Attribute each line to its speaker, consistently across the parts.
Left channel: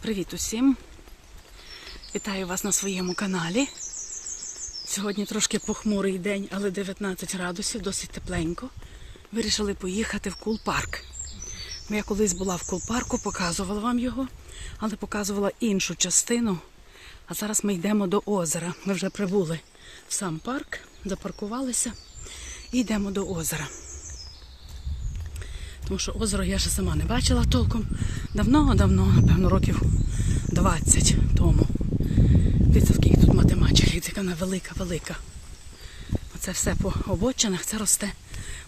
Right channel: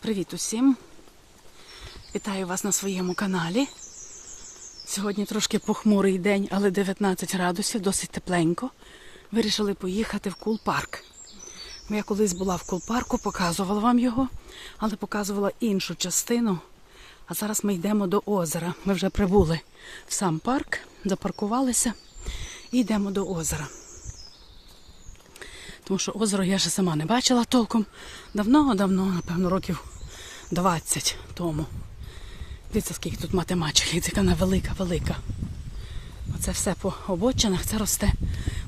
Speaker 1: Привіт усім! Вітаю вас на своєму каналі. Сьогодні трошки похмурий день, але 19 градусів, досить тепленько. Вирішили поїхати в кул-парк. Я колись була в кул-парку, показувала вам його, але показувала іншу частину. А зараз ми йдемо до озера. Ми вже прибули в сам парк, запаркувалися і йдемо до озера. Тому що озеро я ще сама не бачила толком. Давно-давно, напевно, років 20 тому. Дивіться, скільки тут матемачок, і така вона велика-велика. Оце все по обочинах, це росте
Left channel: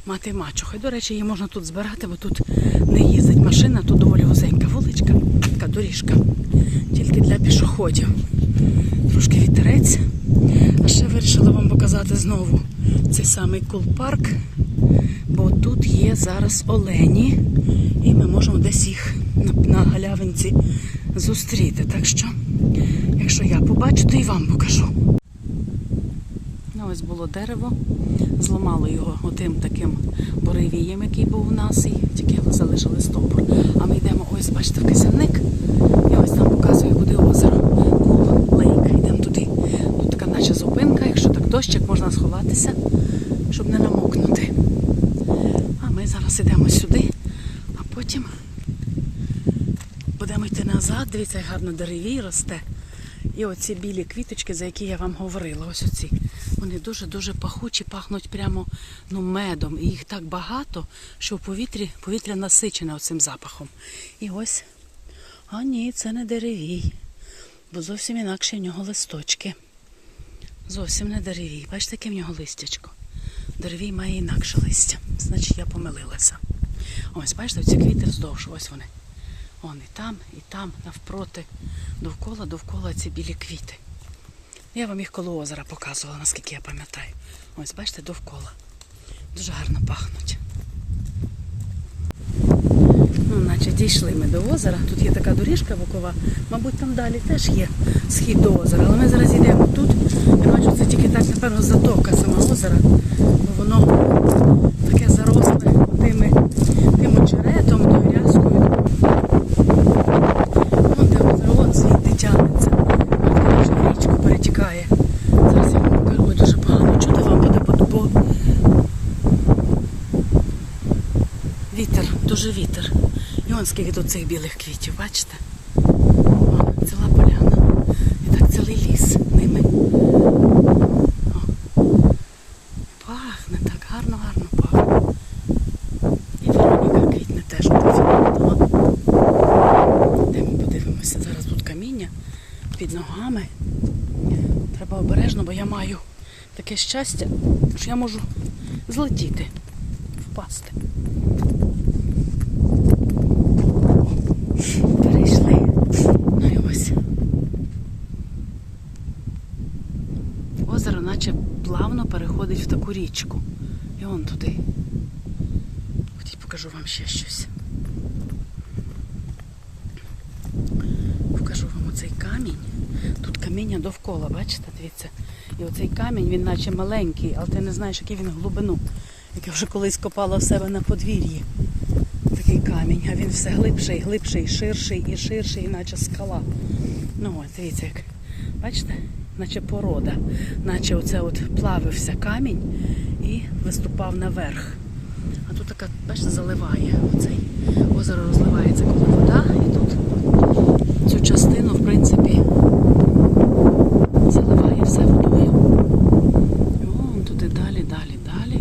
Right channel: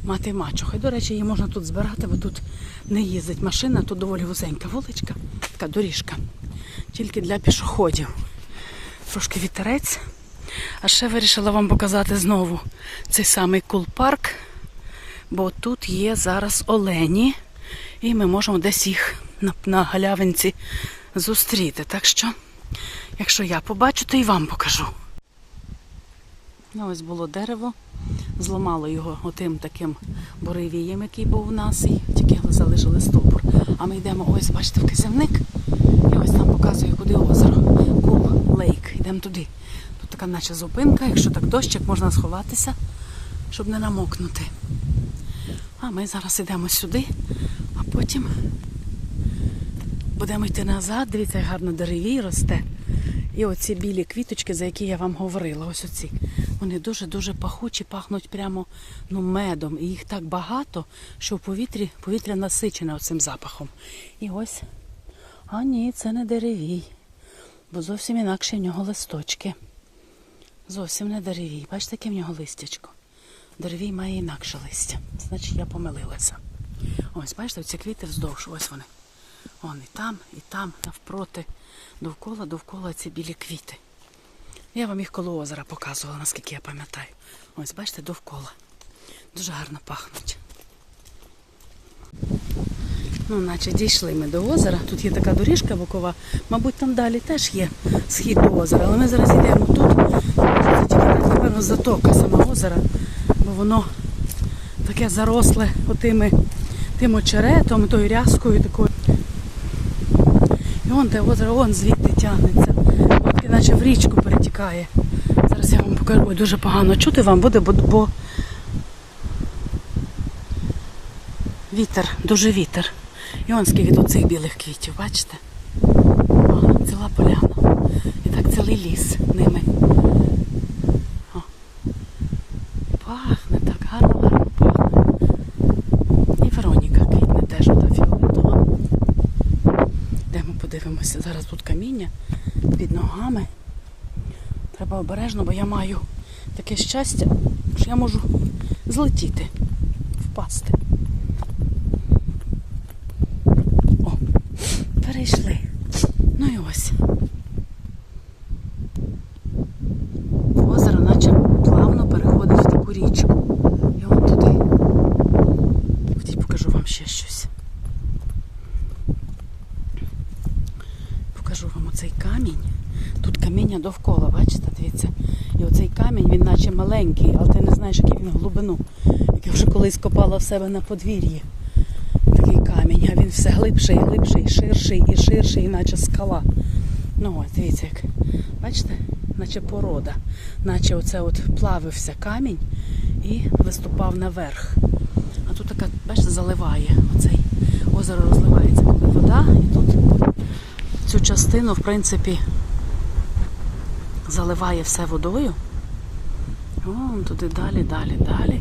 Speaker 1: мати мачуха. До речі, її можна тут збирати, бо тут не їздить машина, тут доволі вузенька вуличка, така доріжка. Тільки для пішоходів. Трошки вітерець. А ще вирішила вам показати знову цей самий кул-парк, бо тут є зараз олені, і ми можемо десь їх на, на галявинці зустріти. Так що, якщо я побачу, то і вам покажу. Ну, ось було дерево, зламало його отим таким буревієм, який був у нас, і тільки залишили стовбур. А ми йдемо, ось, бачите, в кисельник, і ось там показує, куди озеро. Кул Лейк. Йдемо туди. Тут така наче зупинка, якщо так дощик, можна сховатися, щоб не намокнути. Ми зараз йдемо сюди, а потім будемо йти назад. Дивіться, як гарно деревій росте. І оці білі квіточки, за які я вам говорила, ось оці. Вони дуже-дуже пахучі, пахнуть прямо ну, медом. І їх так багато, що в повітрі повітря насичене оцим запахом. І ось, а ні, це не деревій, бо зовсім інакше в нього листочки. Зовсім не деревій. Бачите, яке в нього листячко. Деревій має інакше листя. Значить, я помилилася. Ось, бачите, ці квіти вздовж, ось вони. Вон і там, і там, навпроти, довкола, довкола ці білі квіти. Я вам їх коло озера показувала, наскільки я пам'ятаю. Ось, бачите, довкола. Дуже гарно пахнуть. Наче дійшли ми до озера. Тут є така доріжка бокова. Мабуть, там далі теж є схід до озера. Але ми зараз йдемо тут. Це тільки так, напевно, затока сама озера, бо воно таке заросле отими тим очеретом, тою рязкою. Вон те озеро, вон звідти тягнеться. Наче в річку перетікає. Зараз я вам покажу. Дуже погано чути вам буде, бо вітер, дуже вітер. І від оцих білих квітів, бачите? О, ціла поляна. І так цілий ліс ними. О. Пахне так, гарно, гарно пахне. І Вероніка квітне теж фіолетова. Де ми подивимося? Зараз тут каміння під ногами. Треба обережно, бо я маю таке щастя, що я можу злетіти, впасти. О, перейшли. Ну і ось. Озеро наче плавно річку. І вон туди. Ходіть, покажу вам ще щось. Покажу вам оцей камінь. Тут каміння довкола, бачите, дивіться. І оцей камінь, він наче маленький, але ти не знаєш, який він глибину. Як я вже колись копала в себе на подвір'ї. Такий камінь, а він все глибший, глибший, ширший і ширший, наче скала. Ну ось, дивіться, як. Бачите? Наче порода. Наче оце от плавився камінь і виступав наверх. А тут така, бачите, заливає оцей озеро розливається коли вода, і тут цю частину, в принципі, заливає все водою. Вон туди далі, далі, далі.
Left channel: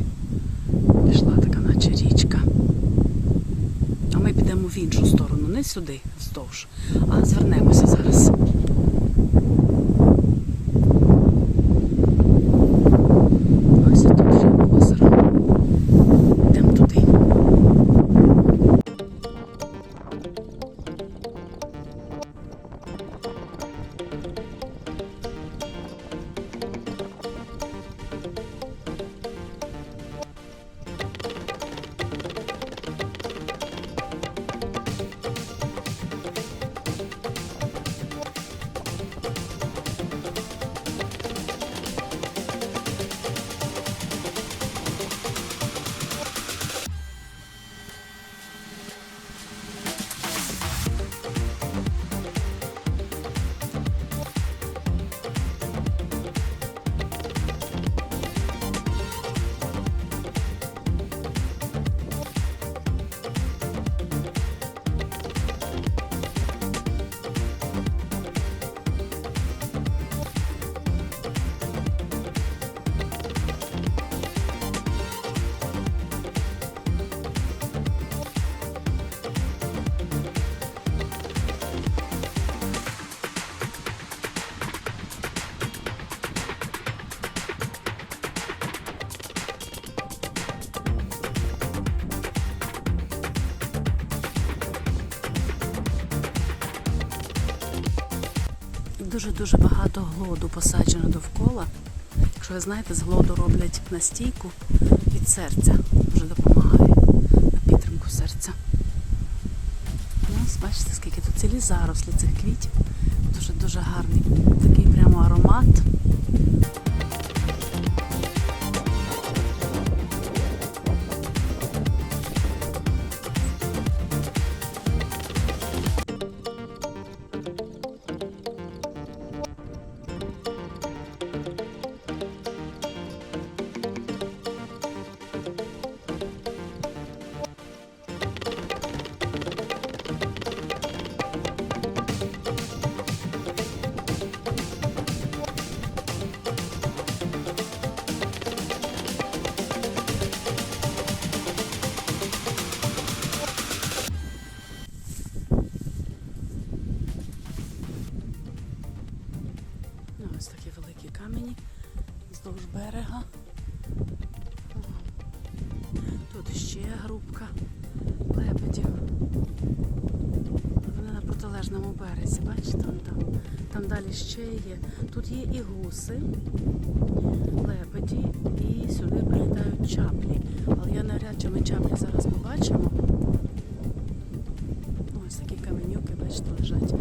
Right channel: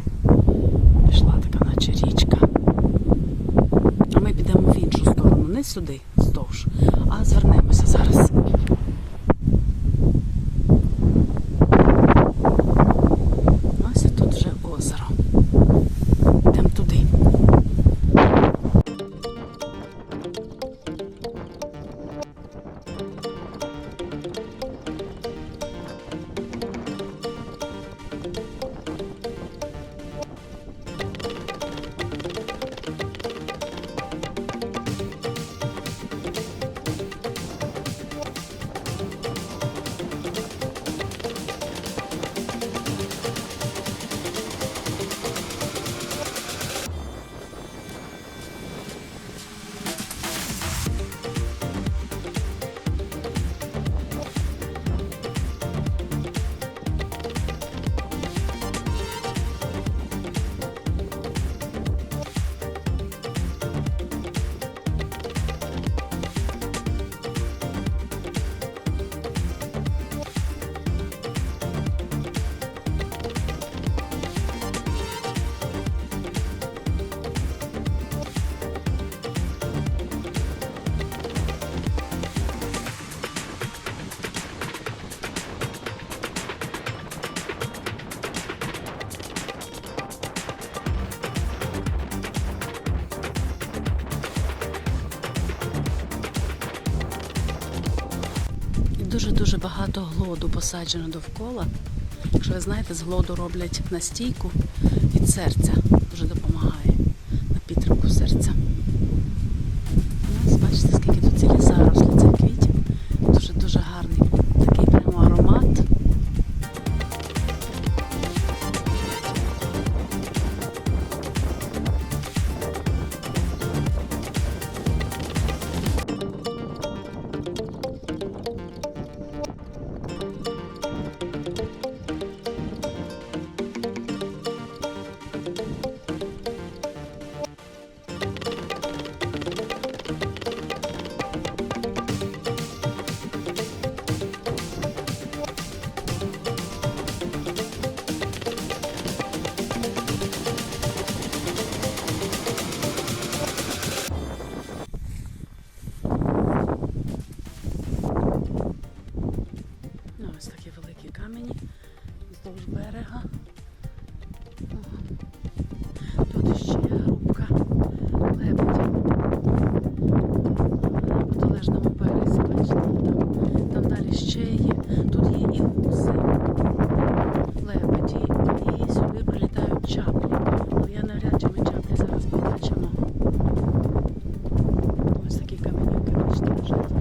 Speaker 1: Пішла така, наче річка. А ми підемо в іншу сторону, не сюди, вздовж, а звернемося зараз. Дуже-дуже багато глоду посаджено довкола. Якщо ви знаєте, з глоду роблять настійку від серця. Дуже допомагає лежать.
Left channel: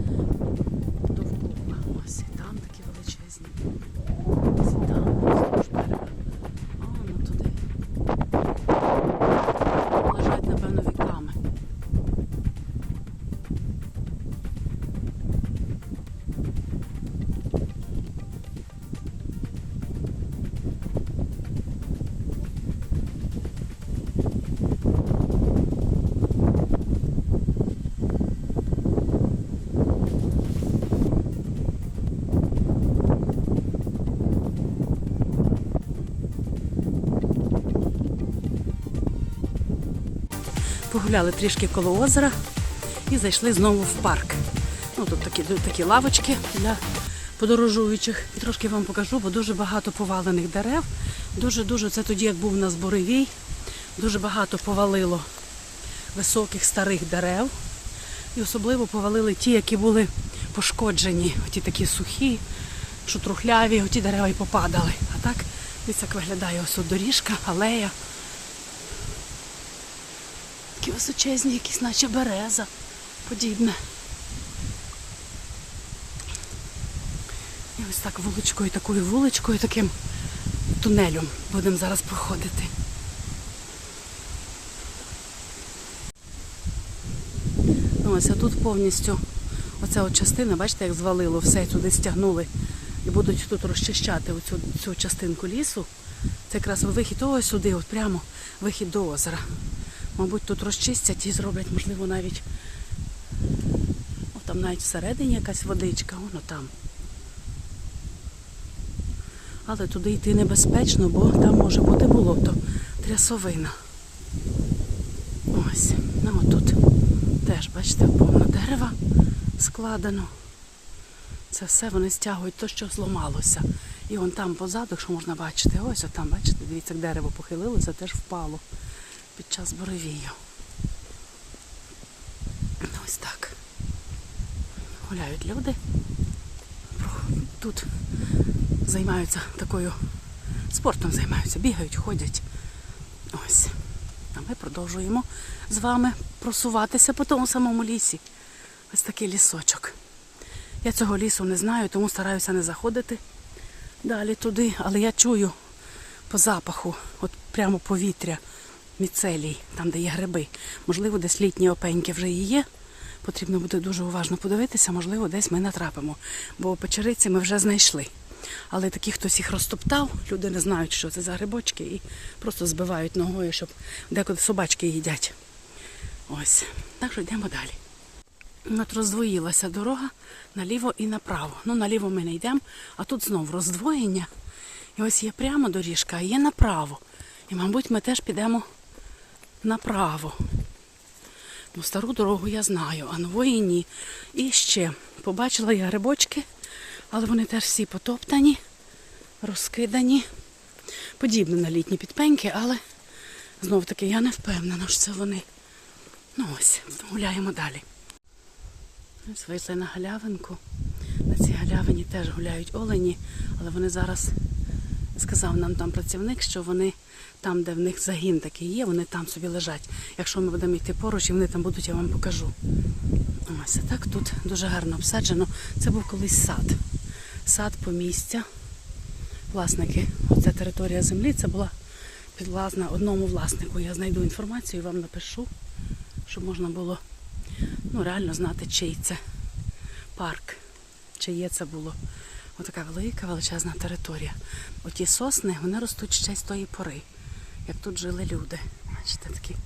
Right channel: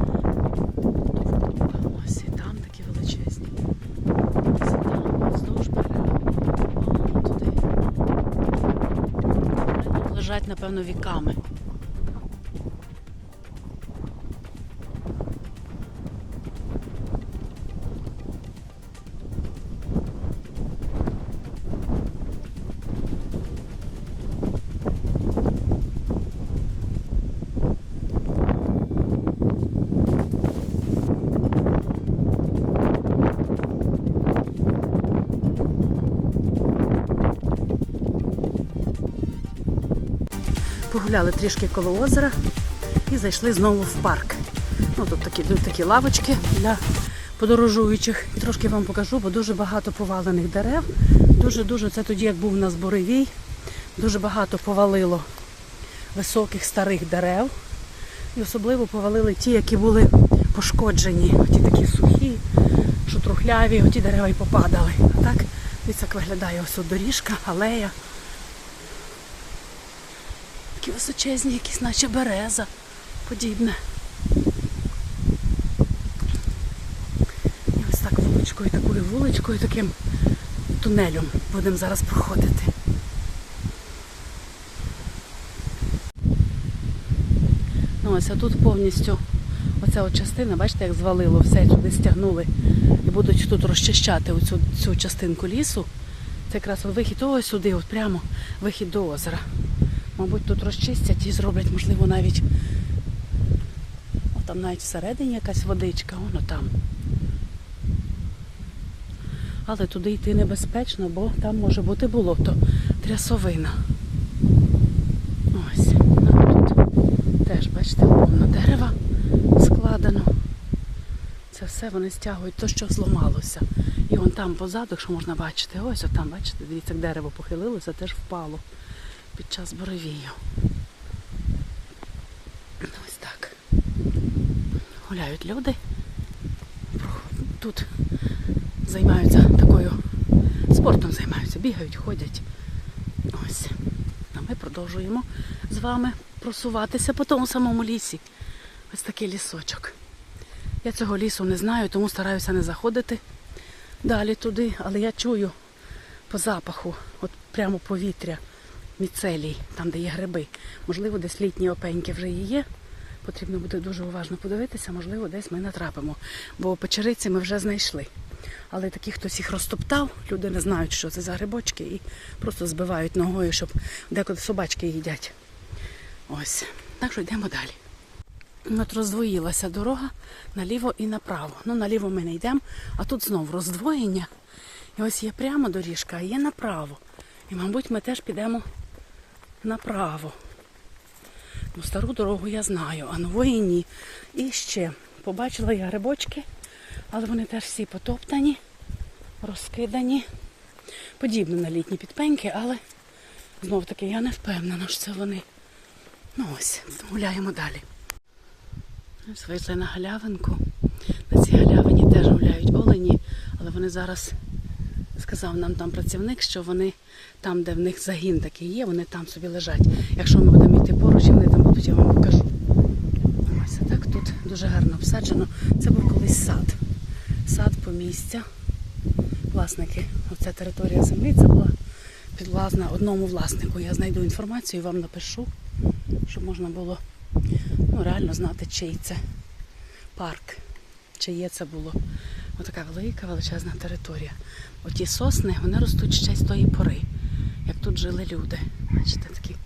Speaker 1: Погуляли трішки коло озера і зайшли знову в парк. Ну, тут такі, такі лавочки для подорожуючих. І трошки вам покажу, бо дуже багато повалених дерев. Дуже-дуже, це тоді, як був у нас буревій, дуже багато повалило високих старих дерев. І особливо повалили ті, які були пошкоджені. Ті такі сухі, що трухляві, оті дерева і попадали. А так, дивіться, як виглядає ось доріжка, алея. Такі височезні, якісь, наче береза подібне. І ось так вуличкою, такою вуличкою, таким тунелем будемо зараз проходити. Ну, ось а тут повністю оця от частина, бачите, як звалило все, туди стягнули і будуть тут розчищати оцю цю частинку лісу. Це якраз вихід ось сюди, от прямо вихід до озера. Мабуть, тут розчистять і зроблять, можливо, навіть о, там навіть всередині якась водичка, воно там. Але туди йти небезпечно, бо там може бути болото, трясовина. Ось. А тут теж, бачите, повно дерева складено. Це все вони стягують то, що зламалося. І вон там позаду, що можна бачити, ось отам, бачите, дивіться, як дерево похилилося, теж впало під час буревію. Ось так. Гуляють люди. Тут займаються такою спортом займаються, бігають, ходять. Ось. А ми продовжуємо з вами просуватися по тому самому лісі. Ось такий лісочок. Я цього лісу не знаю, тому стараюся не заходити далі туди, але я чую по запаху, от прямо повітря міцелій, там, де є гриби. Можливо, десь літні опеньки вже і є. Потрібно буде дуже уважно подивитися, можливо, десь ми натрапимо. Бо печериці ми вже знайшли. Але такі, хтось їх розтоптав, люди не знають, що це за грибочки, і просто збивають ногою, щоб деколи собачки їдять. Ось. Так що йдемо далі. От роздвоїлася дорога наліво і направо. Ну, наліво ми не йдемо, а тут знов роздвоєння. І ось є прямо доріжка, а є направо. І, мабуть, ми теж підемо направо. Ну, стару дорогу я знаю, а нової ні. І ще побачила я грибочки, але вони теж всі потоптані, розкидані. Подібні на літні підпеньки, але знов таки я не впевнена, що це вони. Ну ось, гуляємо далі. Ось вийшли на галявинку. На цій галявині теж гуляють олені, але вони зараз сказав нам там працівник, що вони там, де в них загін такий є, вони там собі лежать. Якщо ми будемо йти поруч, вони там будуть, я вам покажу. Ось так тут дуже гарно обсаджено. Це був колись сад. Сад помістя. Власники, ця територія землі, це була підвласна одному власнику. Я знайду інформацію і вам напишу, щоб можна було ну, реально знати, чий це парк, чиє це було. Отака велика величезна територія. Оті сосни вони ростуть ще з тої пори, як тут жили люди. Бачите, такі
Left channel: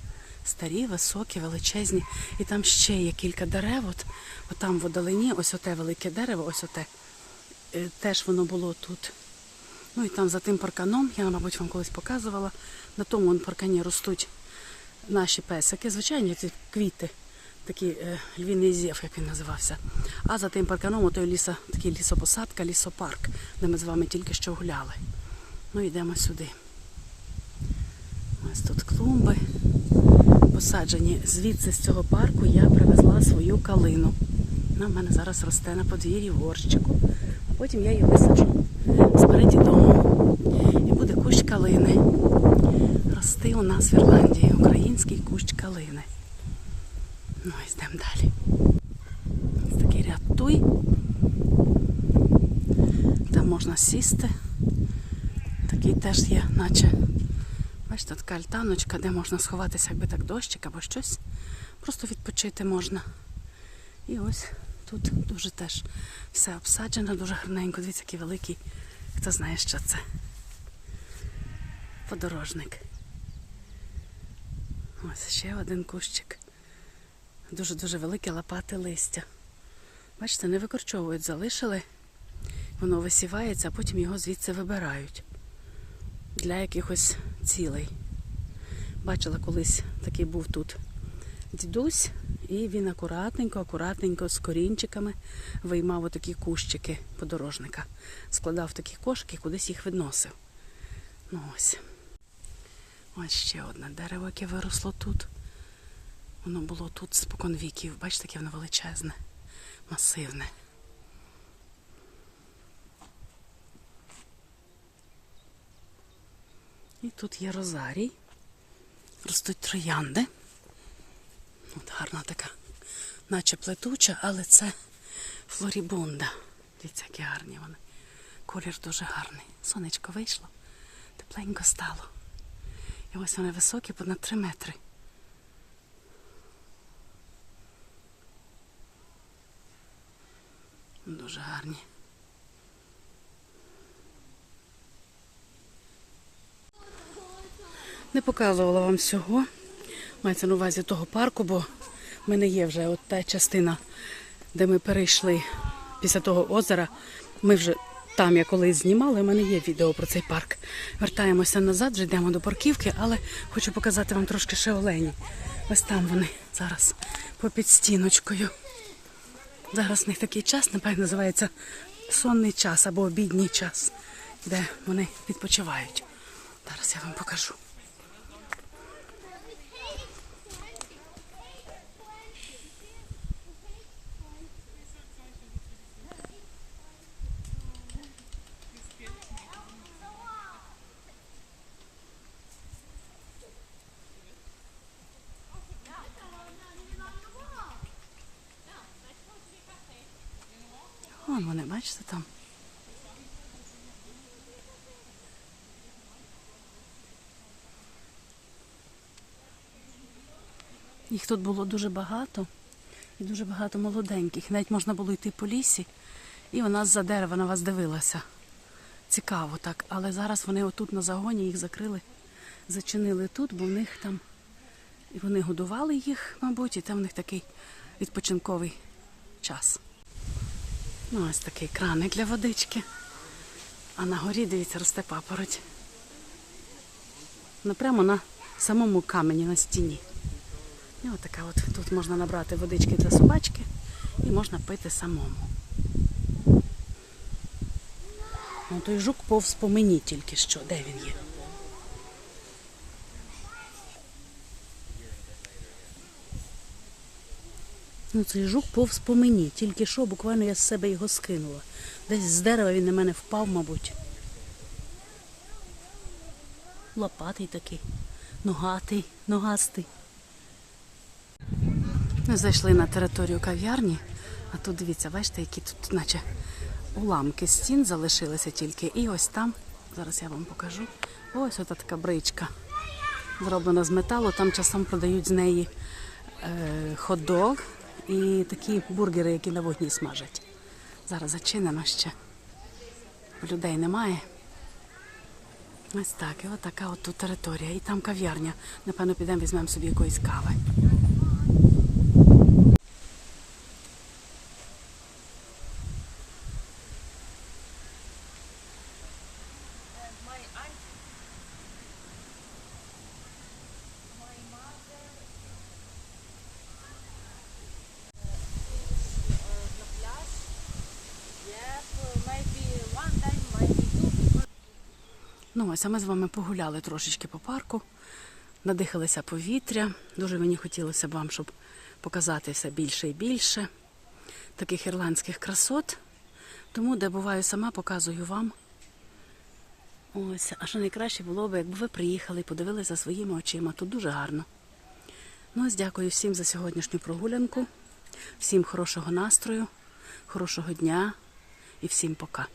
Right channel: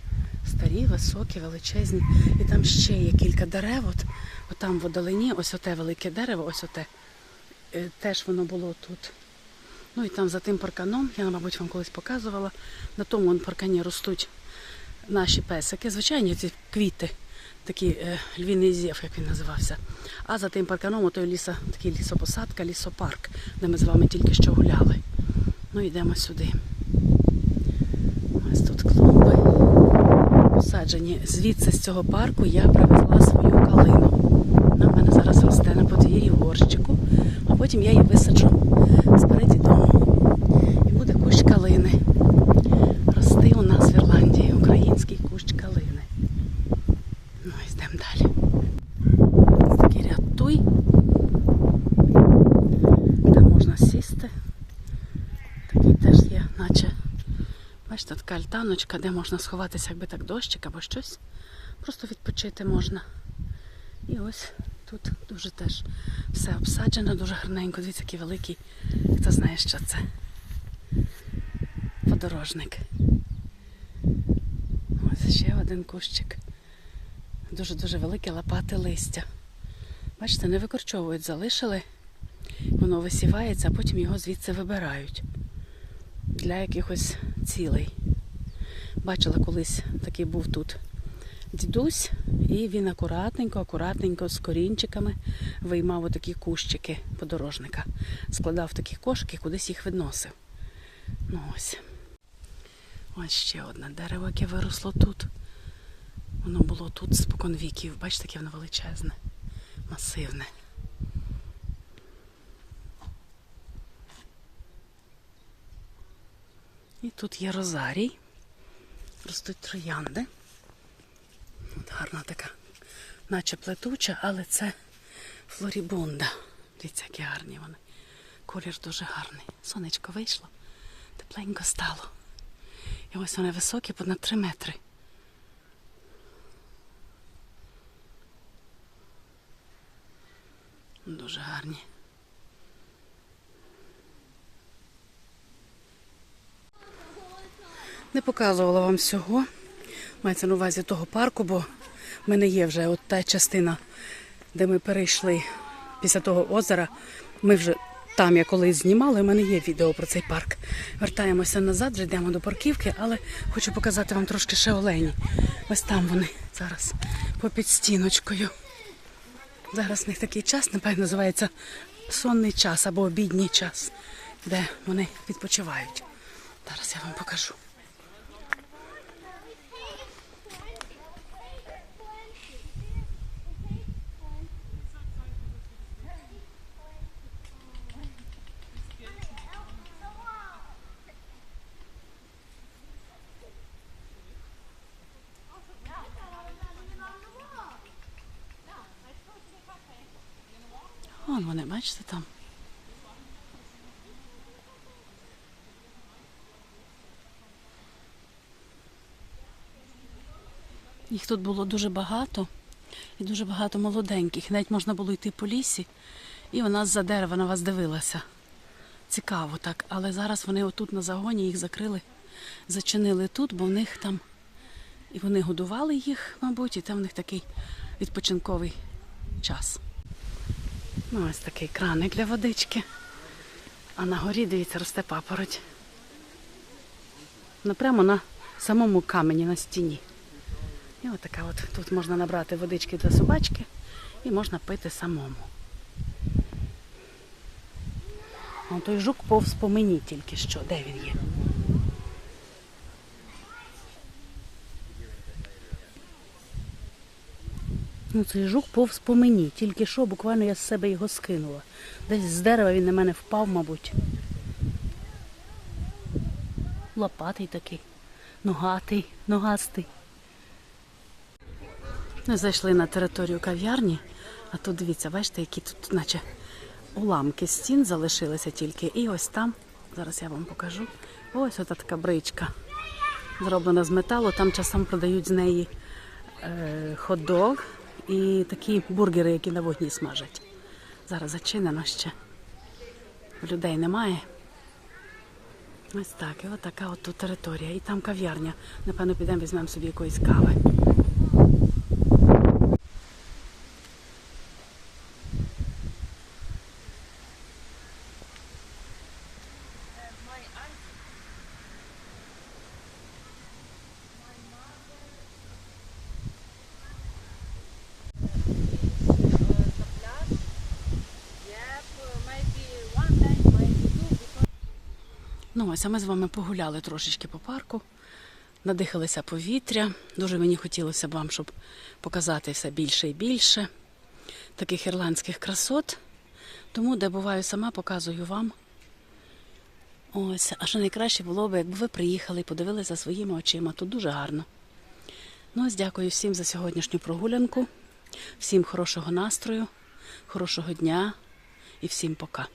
Speaker 1: старі, високі, величезні. І там ще є кілька дерев. От, от там в одалині, ось оте велике дерево, ось оте. Е, Теж воно було тут. Ну і там за тим парканом, я, мабуть, вам колись показувала, на тому паркані ростуть наші песики, звичайні ці квіти, такі е, львіний зєв, як він називався. А за тим парканом ото ліса, такий лісопосадка, лісопарк, де ми з вами тільки що гуляли. Ну йдемо сюди. Ось тут клумби посаджені. Звідси з цього парку я привезла свою калину. Вона в мене зараз росте на подвір'ї в горщику, а потім я її висаджу спереді дому. І буде кущ калини. Рости у нас в Ірландії український кущ калини. Далі. Ось такий ряд туй. Там можна сісти. Такий теж є, наче. Бачите, така альтаночка, де можна сховатися, якби так дощик або щось. Просто відпочити можна. І ось тут дуже теж все обсаджено, дуже гарненько. Дивіться, який великий. Хто знає, що це? Подорожник. Ось ще один кущик. Дуже-дуже велике лопати листя. Бачите, не викорчовують, залишили. Воно висівається, а потім його звідси вибирають для якихось цілей. Бачила колись такий був тут дідусь, і він акуратненько, акуратненько з корінчиками виймав отакі кущики подорожника, складав такі кошики, кудись їх відносив. Ну ось. Ось ще одне дерево, яке виросло тут. Воно було тут спокон віків. Бачите, яке воно величезне, масивне. І тут є розарій. Ростуть троянди. От гарна така, наче плетуча, але це флорібунда. Дивіться, які гарні вони. Колір дуже гарний. Сонечко вийшло, тепленько стало. І ось вони високі, понад 3 метри. Дуже гарні. Не показувала вам всього. Мається на увазі того парку, бо в мене є вже от та частина, де ми перейшли після того озера. Ми вже там я колись знімала, в мене є відео про цей парк. Вертаємося назад, вже йдемо до парківки, але хочу показати вам трошки ще олені. Ось там вони зараз попід стіночкою. Зараз в них такий час, напевно, називається сонний час або обідній час, де вони відпочивають. Зараз я вам покажу. Вон вони, бачите там. Їх тут було дуже багато і дуже багато молоденьких. Навіть можна було йти по лісі, і вона з-за дерева на вас дивилася. Цікаво так. Але зараз вони отут на загоні їх закрили, зачинили тут, бо в них там і вони годували їх, мабуть, і там в них такий відпочинковий час. Ну, ось такий краник для водички. А на горі, дивіться, росте папороть. Ну, прямо на самому камені на стіні. І отака от тут можна набрати водички для собачки і можна пити самому. Вон той жук повз по мені тільки що. Де він є? Ну, цей жук повз по мені. Тільки що, буквально я з себе його скинула. Десь з дерева він на мене впав, мабуть. Лопатий такий, ногатий, ногастий. Ми зайшли на територію кав'ярні, а тут дивіться, бачите, які тут, наче уламки стін залишилися тільки. І ось там, зараз я вам покажу. Ось ота така бричка. Зроблена з металу. Там часом продають з неї е, хот-дог і такі бургери, які на вогні смажать. Зараз зачинено ще. Людей немає. Ось так, і отака от тут територія. І там кав'ярня. Напевно, підемо візьмемо собі якоїсь кави. Ну, ось а ми з вами погуляли трошечки по парку, надихалися повітря. Дуже мені хотілося б вам, щоб показати все більше і більше таких ірландських красот. Тому, де буваю сама, показую вам. Ось, а що найкраще було б, якби ви приїхали і подивилися своїми очима. Тут дуже гарно. Ну, ось дякую всім за сьогоднішню прогулянку, всім хорошого настрою, хорошого дня і всім пока.